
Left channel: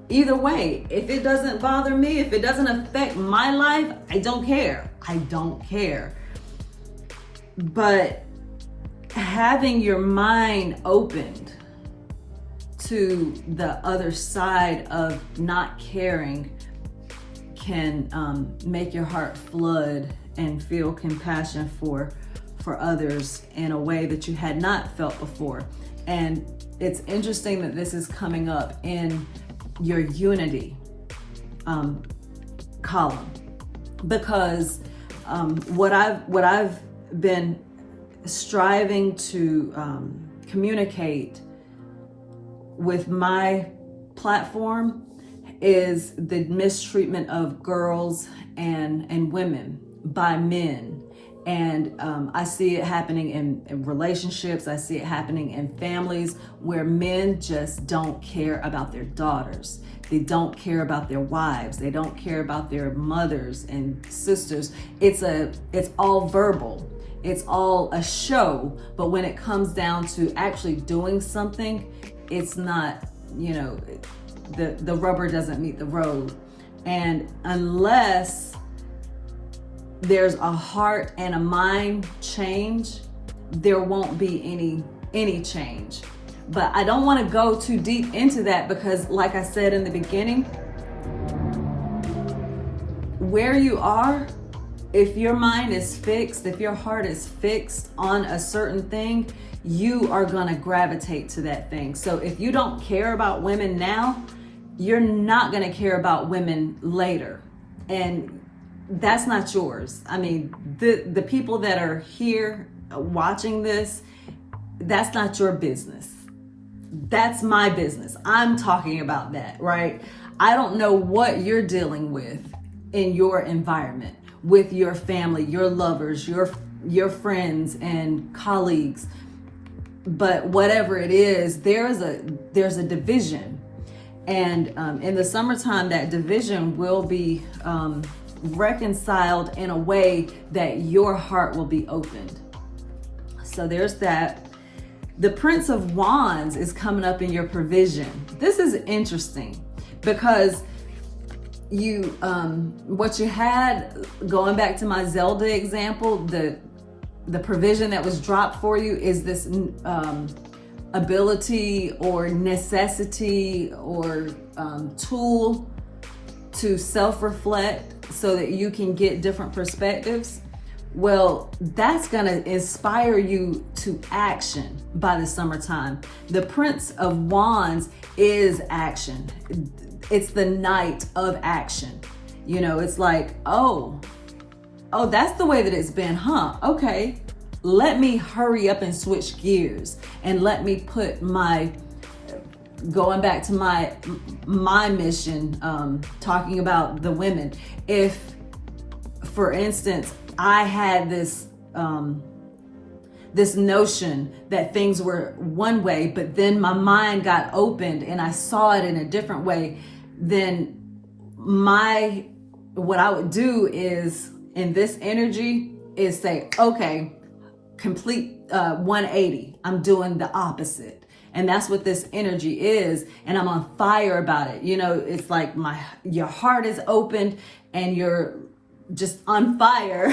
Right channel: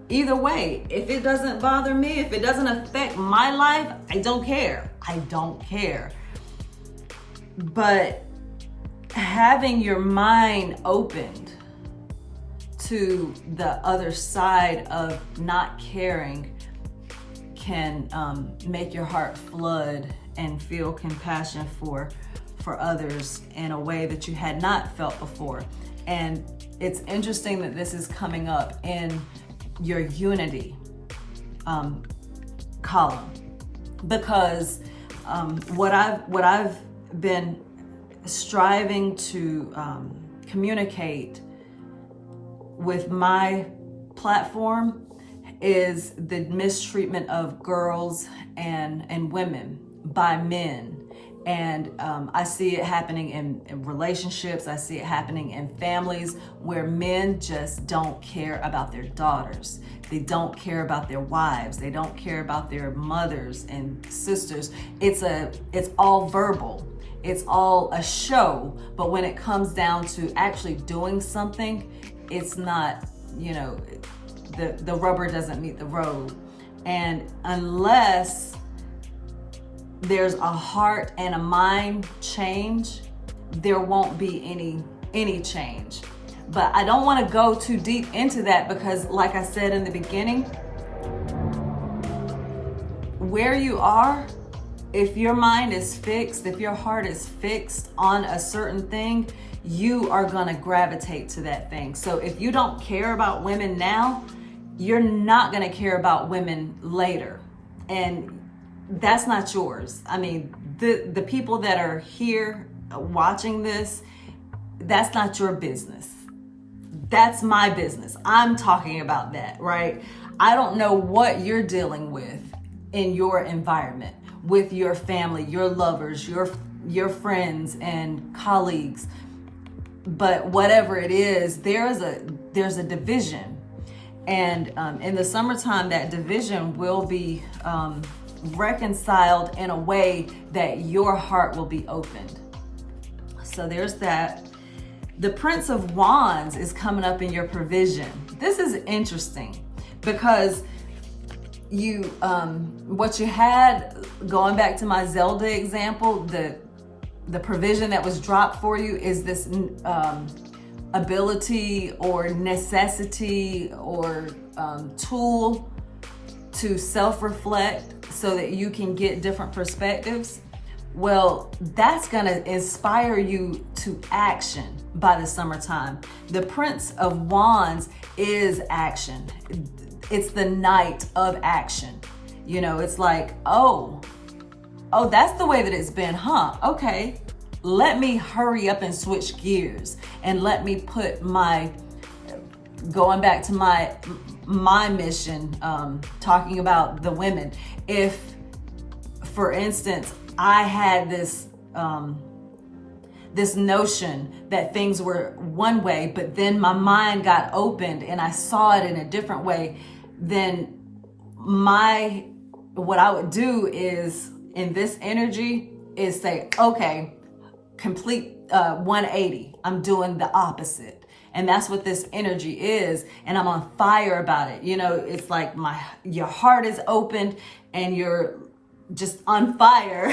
either way. If it doesn't bother me, if it doesn't affect my life, I don't care. I don't care. But having your mind opened to the other side of not caring can make your heart flood and feel compassion for others in a way that you had not felt before. And it's interesting that this is coming up in your unity column, because what I've been striving to communicate with my platform is the mistreatment of girls and women by men. And I see it happening in relationships. I see it happening in families where men just don't care about their daughters. They don't care about their wives. They don't care about their mothers and sisters. It's all verbal. It's all a show. But when it comes down to actually doing something, it's not, the rubber doesn't meet the road. And unless there's a heart and a mind change, there won't be any change. But I don't want to go too deep into that because, like I said in the beginning, where you are, if your mind is fixed, if your heart is fixed on a certain thing, you are going to gravitate to that thing. So if you don't care about women now, you're not going to care about women later. And that's not yours. I mean, the people that are here watching this, that's not your business. That's my business. I'm talking about that, right? I don't know what you're dealing with in your environment, with your family, your lovers, your friends and colleagues. But whatever it is, there's a division. And in the summertime, that division will be reconciled in a way that your heart will be opened. So there's that. The Prince of Wands is coming up in your provision. This is interesting because what you had, going back to my Zelda example, the provision that was dropped for you is this ability or necessity or tool to self-reflect so that you can get different perspectives. Well, that's gonna inspire you to action by the summertime. The Prince of Wands is action. It's the knight of action. It's like, oh, that's the way that it's been, huh? Okay, let me hurry up and switch gears and let me put going back to my mission, talking about the women. If, for instance, I had this notion that things were one way, but then my mind got opened and I saw it in a different way, then what I would do is, in this energy, is say, okay, complete 180. I'm doing the opposite. And that's what this energy is. And I'm on fire about it. It's like your heart is opened and you're just on fire